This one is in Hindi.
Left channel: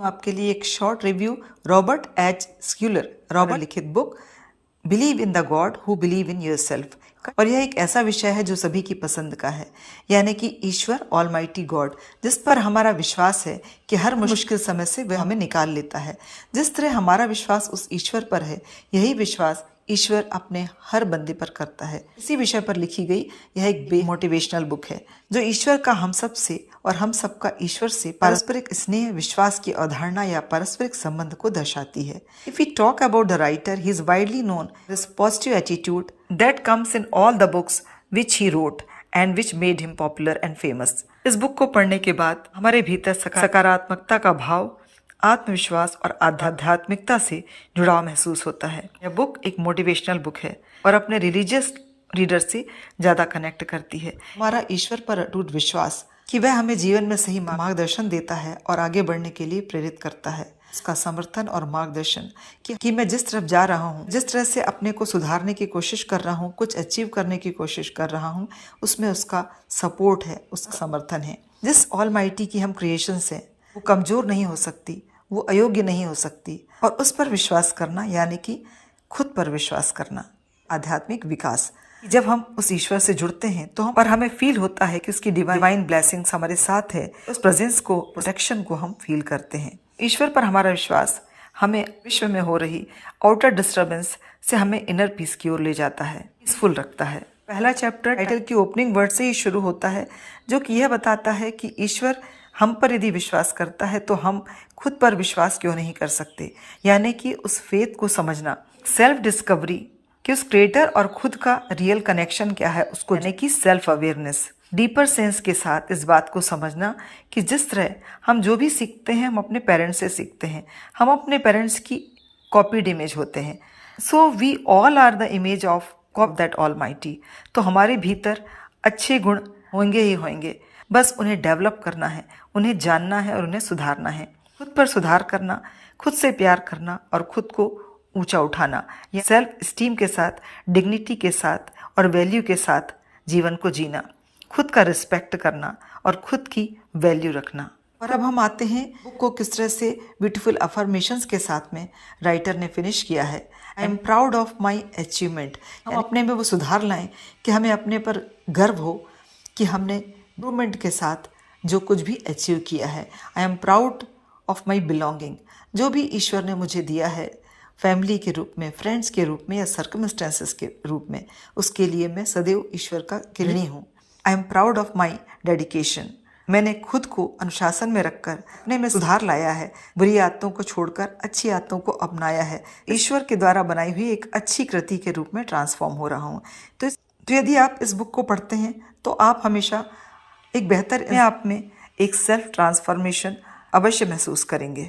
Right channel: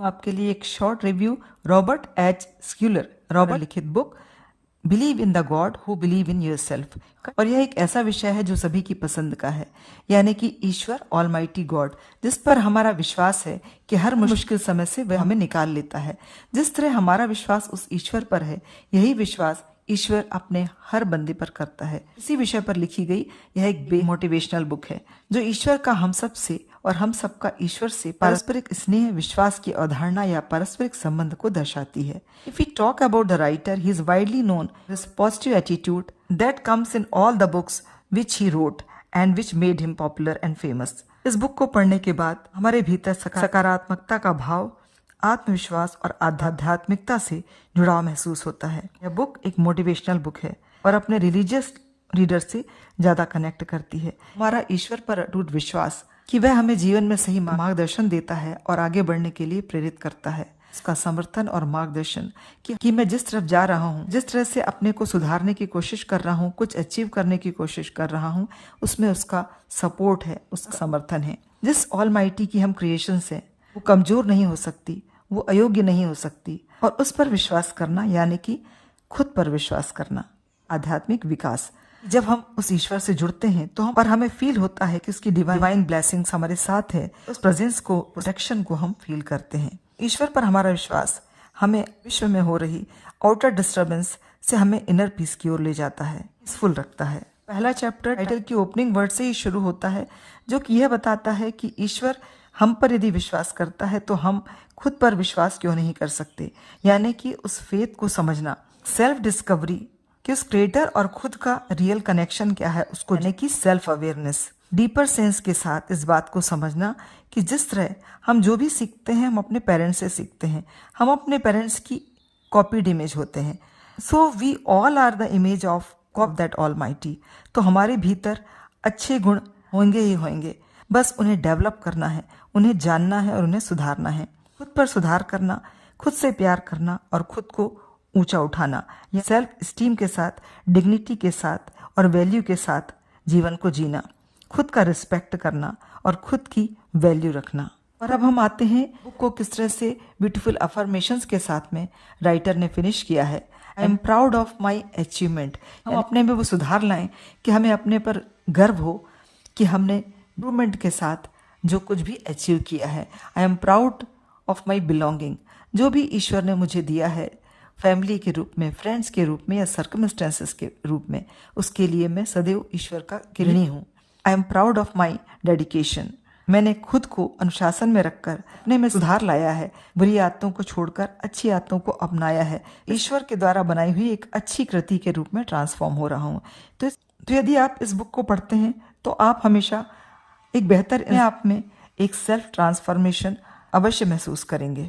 आपके लिए एक शॉर्ट रिव्यू रॉबर्ट एच स्क्यूलर लिखित book believe in the God who believe in yourself. और यह एक ऐसा विषय है जो सभी की पसंद का है, यानी कि ईश्वर ऑलमाइटी गॉड, जिस पर हमारा विश्वास है कि हर मुश्किल समय से वह हमें निकाल लेता है। जिस तरह हमारा विश्वास उस ईश्वर पर है, यही विश्वास ईश्वर अपने हर बंदे पर करता है। इसी विषय पर लिखी गई यह एक मोटिवेशनल बुक है जो ईश्वर का हम सब से और हम सबका ईश्वर से पारस्परिक स्नेह विश्वास की अवधारणा या पारस्परिक संबंध को दर्शाती है। If we talk about the writer, he is widely known his positive attitude that comes in all the books which he wrote and which made him popular and famous. इस बुक को पढ़ने के बाद हमारे भीतर सकारात्मकता का भाव, आत्मविश्वास और आध्यात्मिकता से जुड़ाव महसूस होता है। यह बुक एक मोटिवेशनल बुक है और अपने रिलीजियस रीडर से ज्यादा कनेक्ट करती है। हमारा ईश्वर पर अटूट विश्वास कि वह हमें जीवन में सही मार्गदर्शन देता है और आगे बढ़ने के लिए प्रेरित करता है। उसका समर्थन और मार्गदर्शन कि मैं जिस तरफ जा रहा हूँ, जिस तरह से अपने को सुधारने की कोशिश कर रहा हूँ, कुछ अचीव करने की कोशिश कर रहा हूँ, उसमें उसका सपोर्ट है, उसका समर्थन है। जिस ऑलमाइटी की हम क्रिएशंस है, वो कमजोर नहीं हो सकती, वो अयोग्य नहीं हो सकती। और उस पर विश्वास करना यानी कि खुद पर विश्वास करना, आध्यात्मिक विकास। जब हम उस ईश्वर से जुड़ते हैं तो हमें फील होता है कि उसकी डिवाइन ब्लेसिंग्स हमारे साथ है। उस प्रेजेंस को, प्रोटेक्शन को हम फील करते हैं। ईश्वर पर हमारा विश्वास हमें विश्व में हो रही आउटर डिस्टर्बेंस से हमें इनर पीस की ओर ले जाता है, पीसफुल रखता है। पहला चैप्टर टाइटल की ओपनिंग वर्ड से ही शुरू होता है, जो कि यह बताता है कि ईश्वर हम पर यदि विश्वास करता है तो हम खुद पर विश्वास क्यों नहीं कर सकते। यानी कि उस फेथ को समझना, सेल्फ डिस्कवरी कि उस क्रिएटर और खुद का रियल कनेक्शन क्या है, उसको यानी कि सेल्फ अवेयरनेस, डीपर सेंस के साथ इस बात को समझना कि जिस तरह हम जो भी सीखते हैं हम अपने पेरेंट्स से सीखते हैं, हम अपने पेरेंट्स की कॉपीड इमेज होते हैं। So we all are the image of that almighty. तो हमारे भीतर अच्छे गुण होंगे ही होंगे, बस उन्हें डेवलप करना है, उन्हें जानना है और उन्हें सुधारना है। खुद पर सुधार करना, खुद से प्यार करना और खुद को ऊंचा उठाना, यह सेल्फ स्टीम के साथ, डिग्निटी के साथ और वैल्यू के साथ जीवन को जीना, खुद का रिस्पेक्ट करना और खुद की वैल्यू रखना। और अब हम आते हैं बुक को किस तरह से ब्यूटीफुल अफर्मेशंस के साथ में राइटर ने फिनिश किया है। I am proud of my achievement. हम अपने में वो सुधार लाएं कि हमें अपने पर गर्व हो कि हमने इम्प्रूवमेंट के साथ जो कुछ भी अचीव किया है। I am proud of my belonging. जो भी ईश्वर ने मुझे दिया है, फैमिली के रूप में, फ्रेंड्स के रूप में या सर्कमस्टेंसेस के रूप में, उसके लिए मैं सदैव ईश्वर का ऋणी हूँ। I am proud of my dedication. मैंने खुद को अनुशासन में रखकर अपने में सुधार लाया है, बुरी आदतों को छोड़कर अच्छी आदतों को अपनाया है, ईश्वर के द्वारा बनाई हुई एक अच्छी कृति के रूप में ट्रांसफॉर्म हो रहा हूँ। तो यदि आप इस बुक को पढ़ते हैं तो आप हमेशा एक बेहतर आप में एक सेल्फ ट्रांसफॉर्मेशन अवश्य महसूस करेंगे।